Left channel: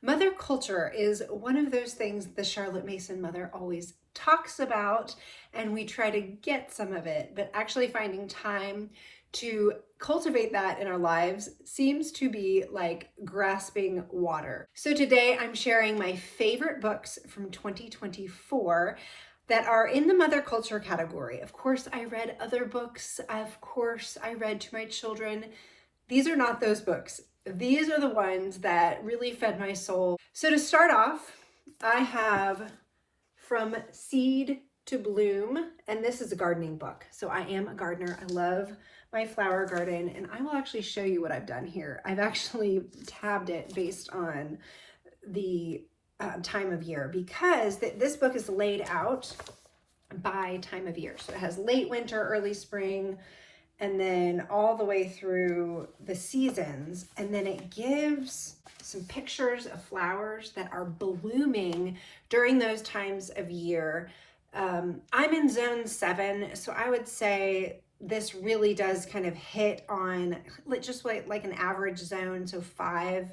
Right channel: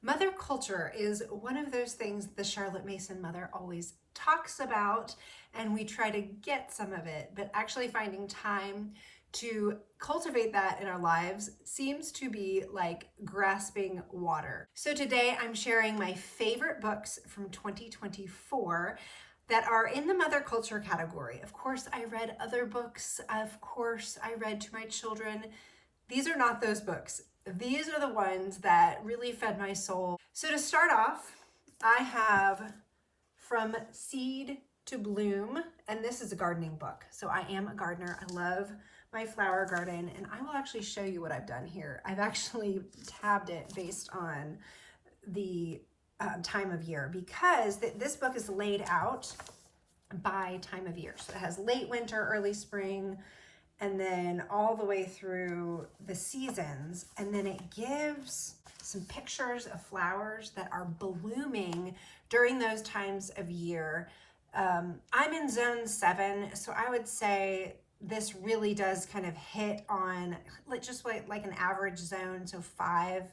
Mother culture is one of those things the Charlotte Mason mother always talks about, and we try to get some of it, but actually finding time to cultivate that in our lives seems to be like grasping water. So today I'm sharing my favorite books from 2024 that are in the mother culture category. Of course, I read other books. Of course, I read to my children. These are not those books. These are the ones that really fed my soul. So to start off, I have From Seed to Bloom, and this is a gardening book. So I am a gardener. I love my flower garden, and I will actually show you what I've done here. I've actually tabbed it based on the time of year because this book is laid out by time of year. So it has late winter, early spring, and then all the way through the seasons. And then it gives some pictures of flowers that are blooming during those times of year. I'm in zone 7, so I would say this really does kind of hit on just like an average zone, so 5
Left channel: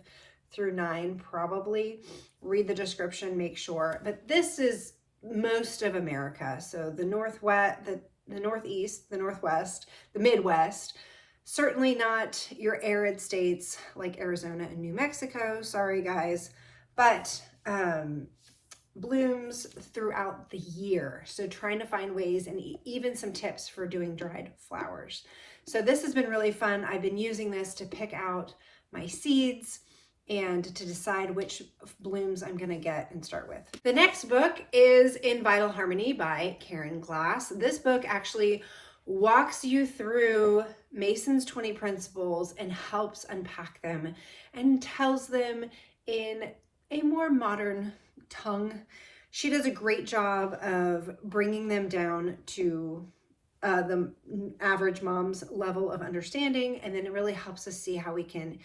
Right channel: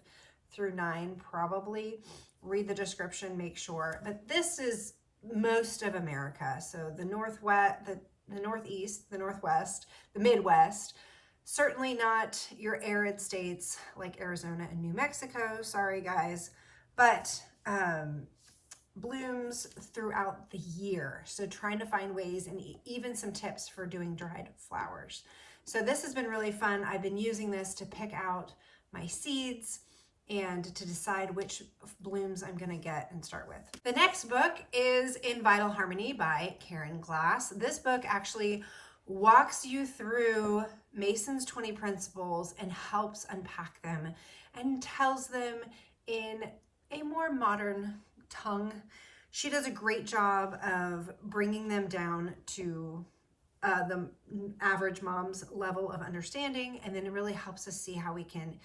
through 9 probably. Read the description, make sure. But this is most of America, so the Northwest, the Northeast, the Northwest, the Midwest, certainly not your arid states like Arizona and New Mexico, sorry guys, but blooms throughout the year. So trying to find ways and even some tips for doing dried flowers. So this has been really fun. I've been using this to pick out my seeds and to decide which blooms I'm gonna get and start with. The next book is In Vital Harmony by Karen Glass. This book actually walks you through Mason's 20 principles and helps unpack them and tells them in a more modern tongue. She does a great job of bringing them down to the average mom's level of understanding, and then it really helps us see how we can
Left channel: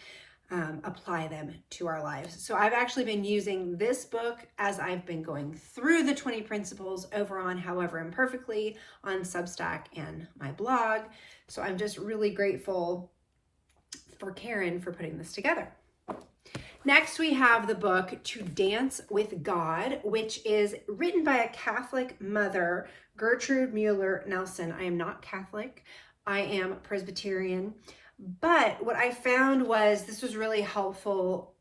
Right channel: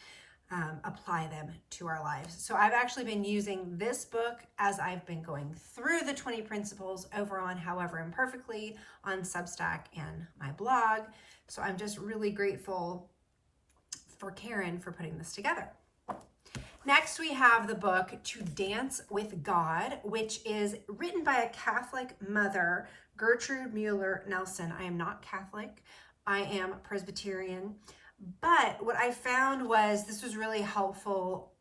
apply them to our lives. So I've actually been using this book as I've been going through the 20 principles over on However Imperfectly on Substack and my blog. So I'm just really grateful for Karen for putting this together. Next, we have the book To Dance with God, which is written by a Catholic mother, Gertrude Mueller Nelson. I am not Catholic. I am Presbyterian. But what I found was this was really helpful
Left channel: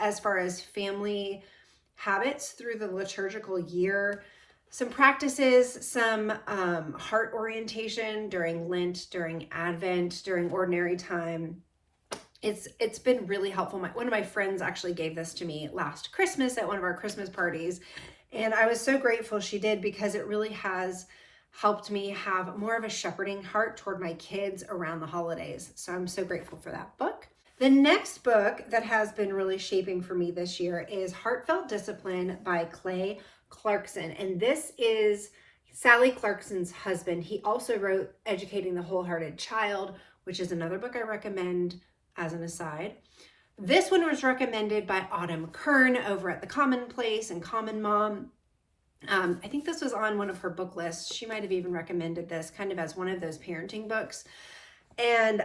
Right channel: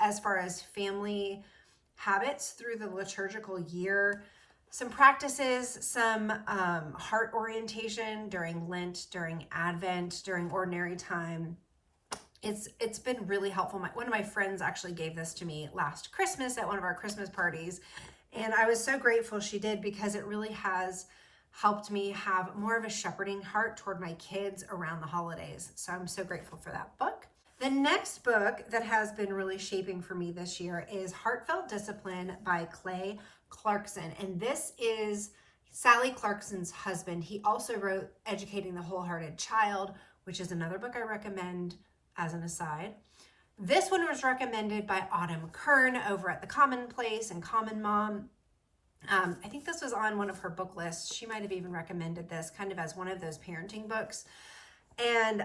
as far as family habits through the liturgical year, some practices, some heart orientation during Lent, during Advent, during ordinary time. It's been really helpful. One of my friends actually gave this to me last Christmas at one of our Christmas parties, and I was so grateful she did because it really has helped me have more of a shepherding heart toward my kids around the holidays. So I'm so grateful for that book. The next book that has been really shaping for me this year is Heartfelt Discipline by Clay Clarkson. And this is Sally Clarkson's husband. He also wrote Educating the Wholehearted Child, which is another book I recommend as an aside. This one was recommended by Autumn Kern over at The Commonplace and Common Mom. I think this was on one of her book lists. She might have even recommended this kind of as one of those parenting books. And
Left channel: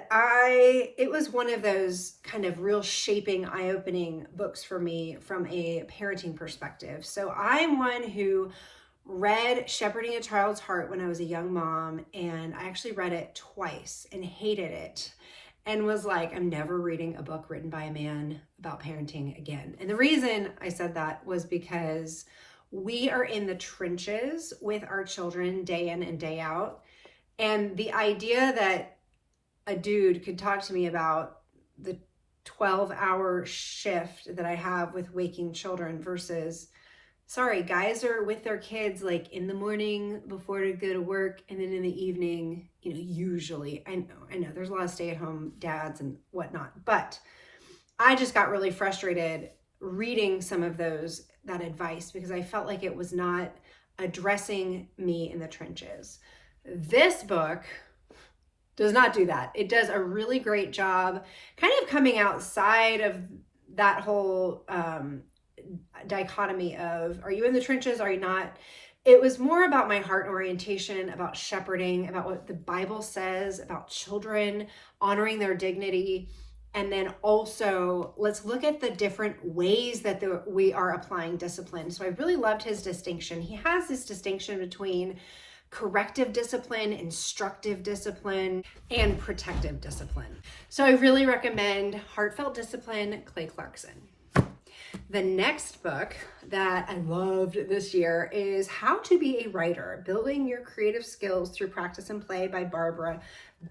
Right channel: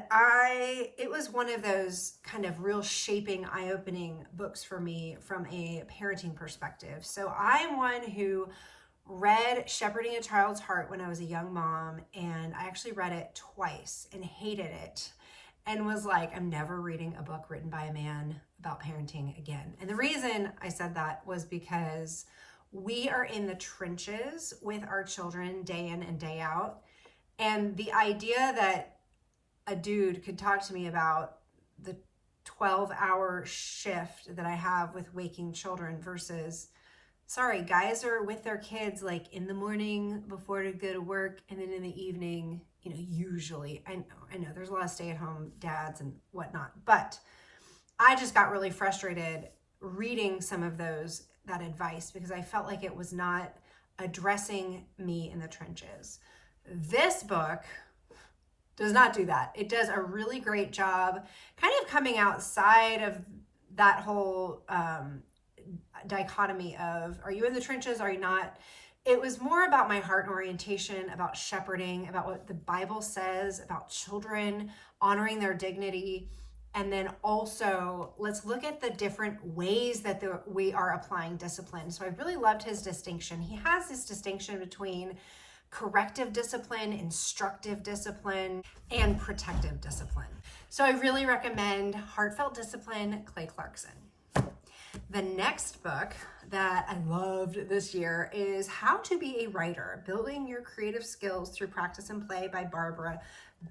it was one of those kind of real shaping, eye-opening books for me from a parenting perspective. So I'm one who read Shepherding a Child's Heart when I was a young mom, and I actually read it twice and hated it and was like, I'm never reading a book written by a man about parenting again. And the reason I said that was because we are in the trenches with our children day in and day out. And the idea that a dude could talk to me about the 12-hour shift that I have with waking children versus, sorry, guys are with their kids like in the morning before to go to work, and then in the evening, usually. I know there's a lot of stay-at-home dads and whatnot, but I just got really frustrated reading some of that advice because I felt like it was not addressing me in the trenches. This book does not do that. It does a really great job kind of coming outside of that whole dichotomy of, are you in the trenches, are you not? It was more about my heart orientation, about shepherding, about what the Bible says about children, honoring their dignity, And then also, let's look at the different ways that we are applying discipline. So I really loved his distinction. He has this distinction between corrective discipline, instructive discipline, and protective discipline. So I really recommend Heartfelt Discipline, Clay Clarkson. The next book that I loved this year is How to Be a Writer, Building Your Creative Skills Through Practice and Play by Barbara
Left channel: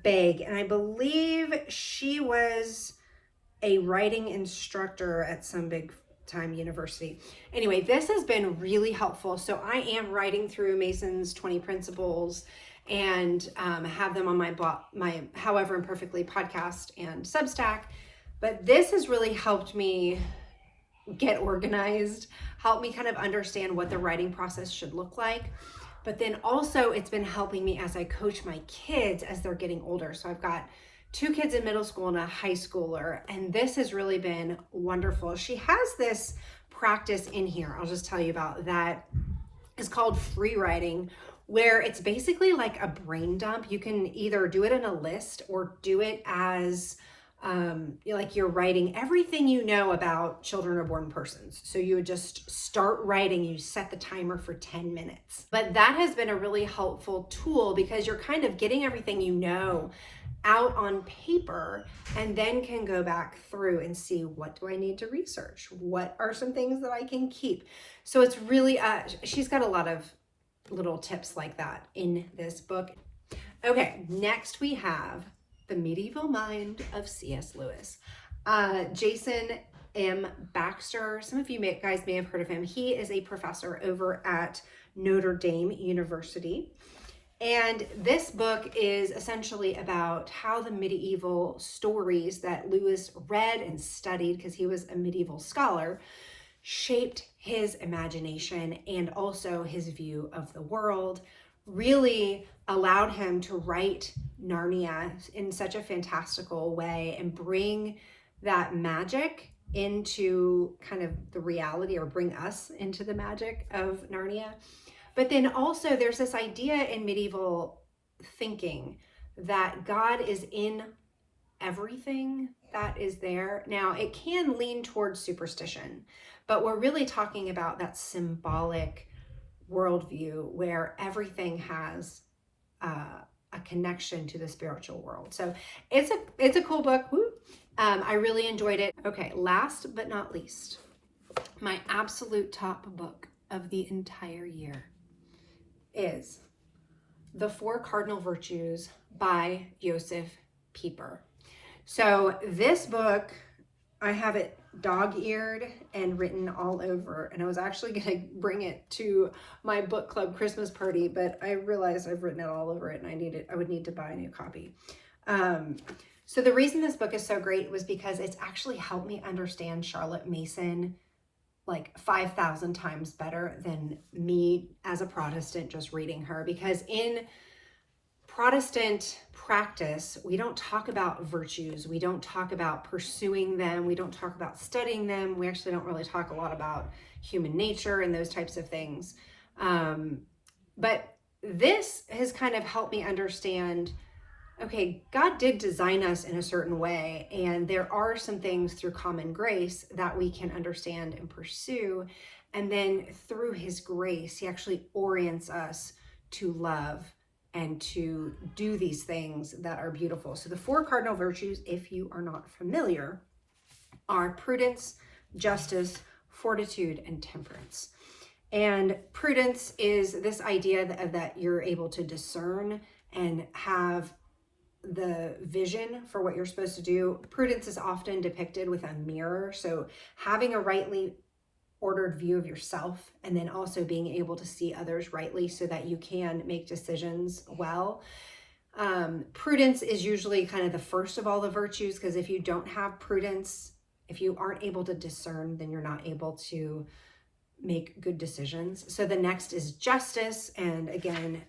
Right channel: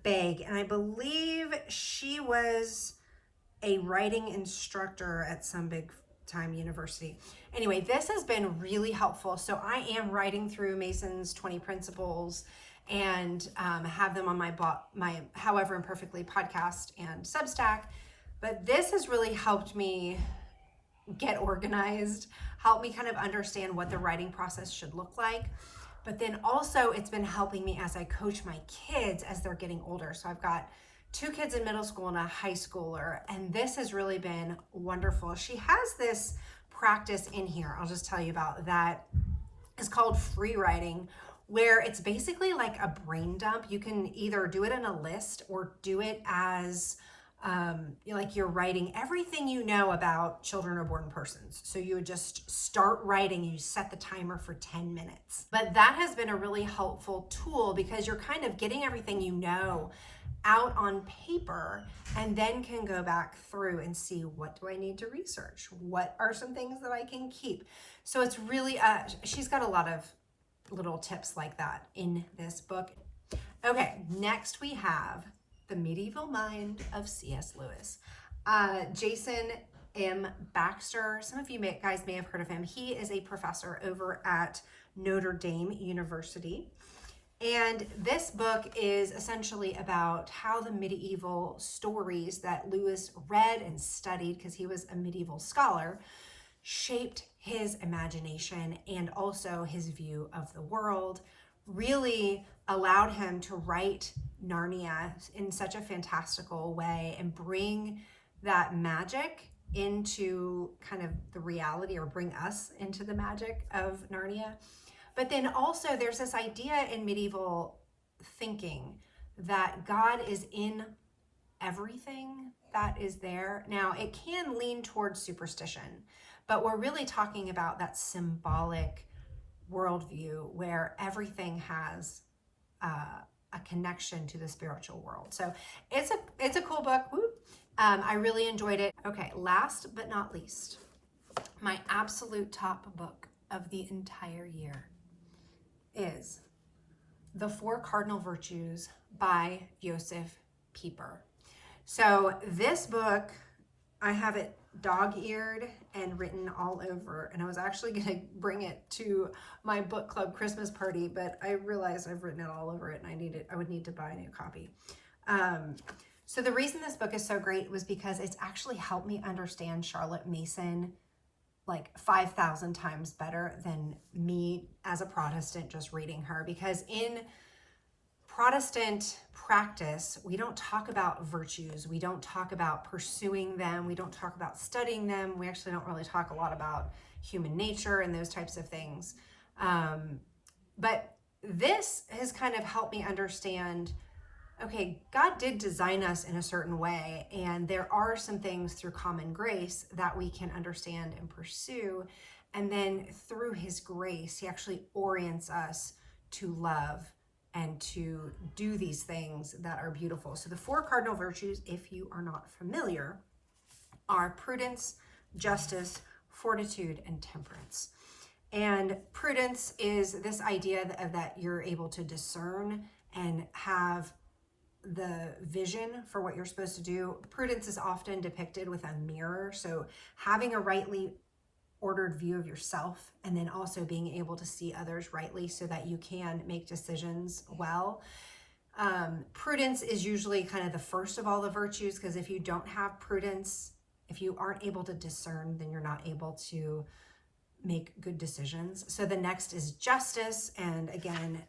Begg. And I believe she was a writing instructor at some big time university. Anyway, this has been really helpful. So I am writing through Mason's 20 Principles and have them on my However Imperfectly podcast and Substack. But this has really helped me get organized, help me kind of understand what the writing process should look like. But then also it's been helping me as I coach my kids as they're getting older. So I've got 2 kids in middle school and a high schooler, and this has really been wonderful. She has this practice in here, I'll just tell you about, that is called free writing, where it's basically like a brain dump. You can either do it in a list or do it as like you're writing everything you know about children or born persons. So you would just start writing, you set the timer for 10 minutes. But that has been a really helpful tool because you're kind of getting everything you know out on paper and then can go back through and see, what do I need to research? What are some things that I can keep? So it's really, she's got a lot of little tips like that in this book. Okay, next we have The Medieval Mind of C.S. Lewis. Jason M. Baxter, some of you guys may have heard of him. He is a professor over at Notre Dame University. And this book is essentially about how the medieval stories that Lewis read and studied, because he was a medieval scholar, shaped his imagination and also his view of the world, really allowed him to write Narnia in such a fantastical way and bring that magic into kind of the reality, or bring us into the magic of Narnia. But then also there's this idea in medieval thinking that God is in everything that is there. Now, it can lean towards superstition, but we're really talking about that symbolic worldview where everything has a connection to the spiritual world. So it's a cool book. I really enjoyed it. Okay, last but not least, my absolute top book of the entire year is The 4 Cardinal Virtues by Josef Pieper. So this book, I have it dog-eared and written all over, and I was actually going to bring it to my book club Christmas party, but I realized I've written it all over it and I would need to buy a new copy. So the reason this book is so great was because it's actually helped me understand Charlotte Mason like 5,000 times better than me as a Protestant just reading her. Because in Protestant practice, we don't talk about virtues. We don't talk about pursuing them. We don't talk about studying them. We actually don't really talk a lot about human nature and those types of things. But this has kind of helped me understand, okay, God did design us in a certain way, and there are some things through common grace that we can understand and pursue. And then through his grace, he actually orients us to love and to do these things that are beautiful. So the 4 cardinal virtues, if you are not familiar, are prudence, justice, fortitude, and temperance. And prudence is this idea that you're able to discern and have the vision for what you're supposed to do. Prudence is often depicted with a mirror. So having a rightly ordered view of yourself, and then also being able to see others rightly so that you can make decisions well. Prudence is usually kind of the first of all the virtues, because if you don't have prudence, if you aren't able to discern, then you're not able to make good decisions. So the next is justice. And again,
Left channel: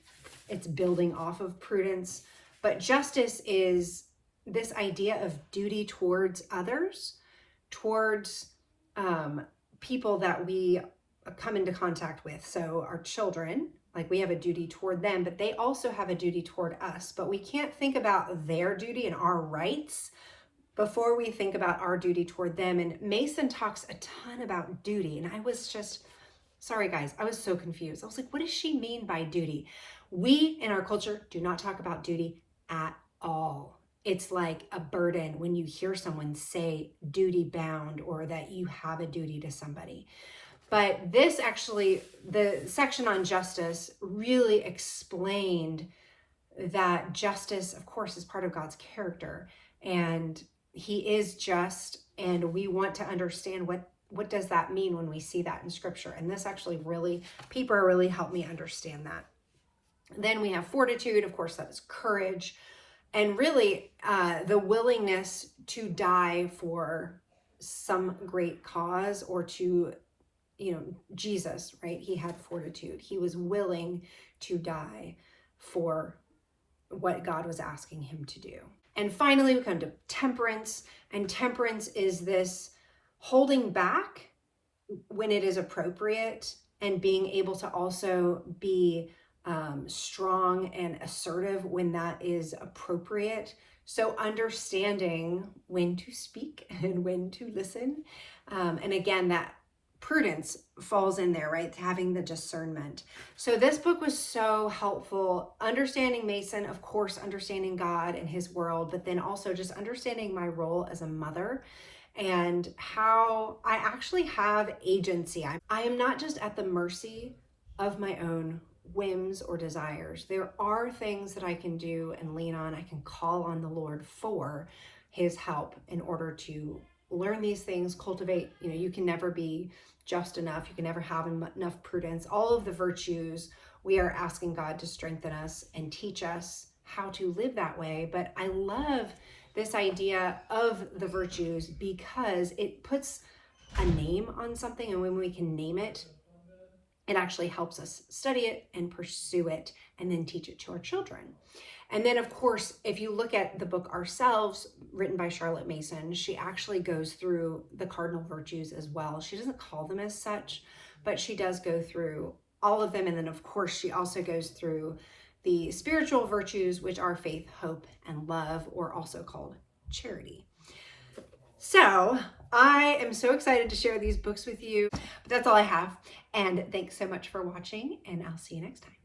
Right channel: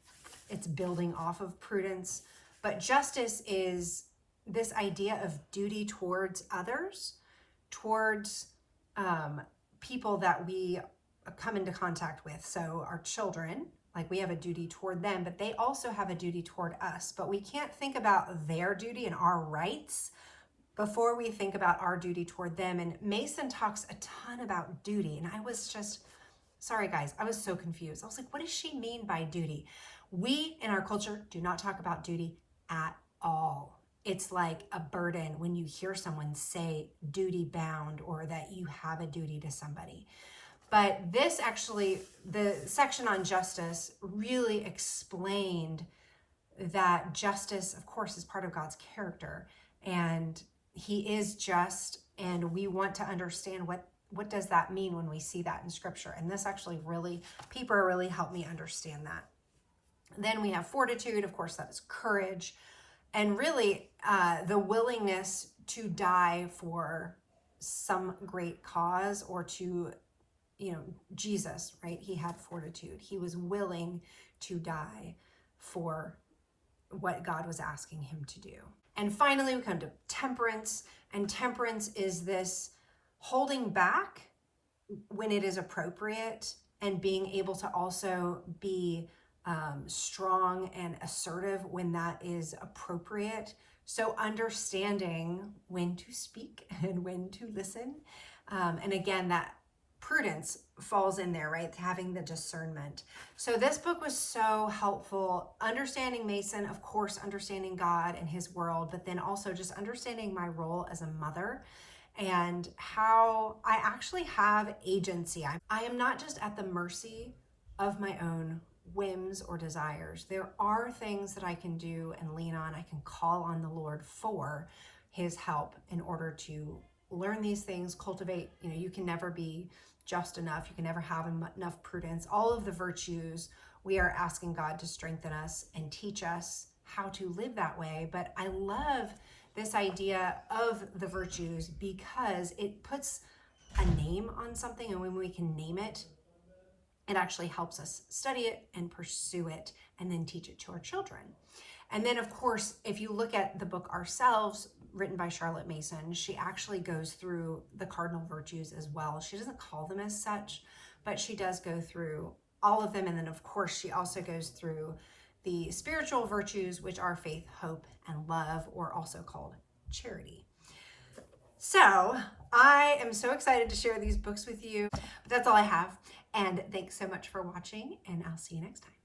it's building off of prudence. But justice is this idea of duty towards others, towards people that we come into contact with. So our children, like we have a duty toward them, but they also have a duty toward us. But we can't think about their duty and our rights before we think about our duty toward them. And Mason talks a ton about duty. And I was just, sorry guys, I was so confused. I was like, what does she mean by duty? We in our culture do not talk about duty at all. It's like a burden when you hear someone say duty bound or that you have a duty to somebody. But this actually, the section on justice really explained that justice, of course, is part of God's character, and he is just, and we want to understand what does that mean when we see that in scripture. And this actually really, Peeper really helped me understand that. Then we have fortitude, of course, that is courage, and really the willingness to die for some great cause, or to, Jesus, right? He had fortitude. He was willing to die for what God was asking him to do. And finally, we come to temperance. And temperance is this holding back when it is appropriate, and being able to also be strong and assertive when that is appropriate. So understanding when to speak and when to listen. And again, that prudence falls in there, right? Having the discernment. So this book was so helpful. Understanding Mason, of course, understanding God and his world, but then also just understanding my role as a mother and how I actually have agency. I am not just at the mercy of my own whims or desires. There are things that I can do and lean on. I can call on the Lord for his help in order to learn these things, cultivate. You can never be just enough. You can never have enough prudence. All of the virtues, we are asking God to strengthen us and teach us how to live that way. But I love this idea of the virtues because it puts a name on something, and when we can name it, it actually helps us study it and pursue it and then teach it to our children. And then, of course, if you look at the book Ourselves, written by Charlotte Mason, she actually goes through the cardinal virtues as well. She doesn't call them as such, but she does go through all of them. And then, of course, she also goes through the spiritual virtues, which are faith, hope, and love, or also called charity. So I am so excited to share these books with you. But that's all I have. And thanks so much for watching, and I'll see you next time.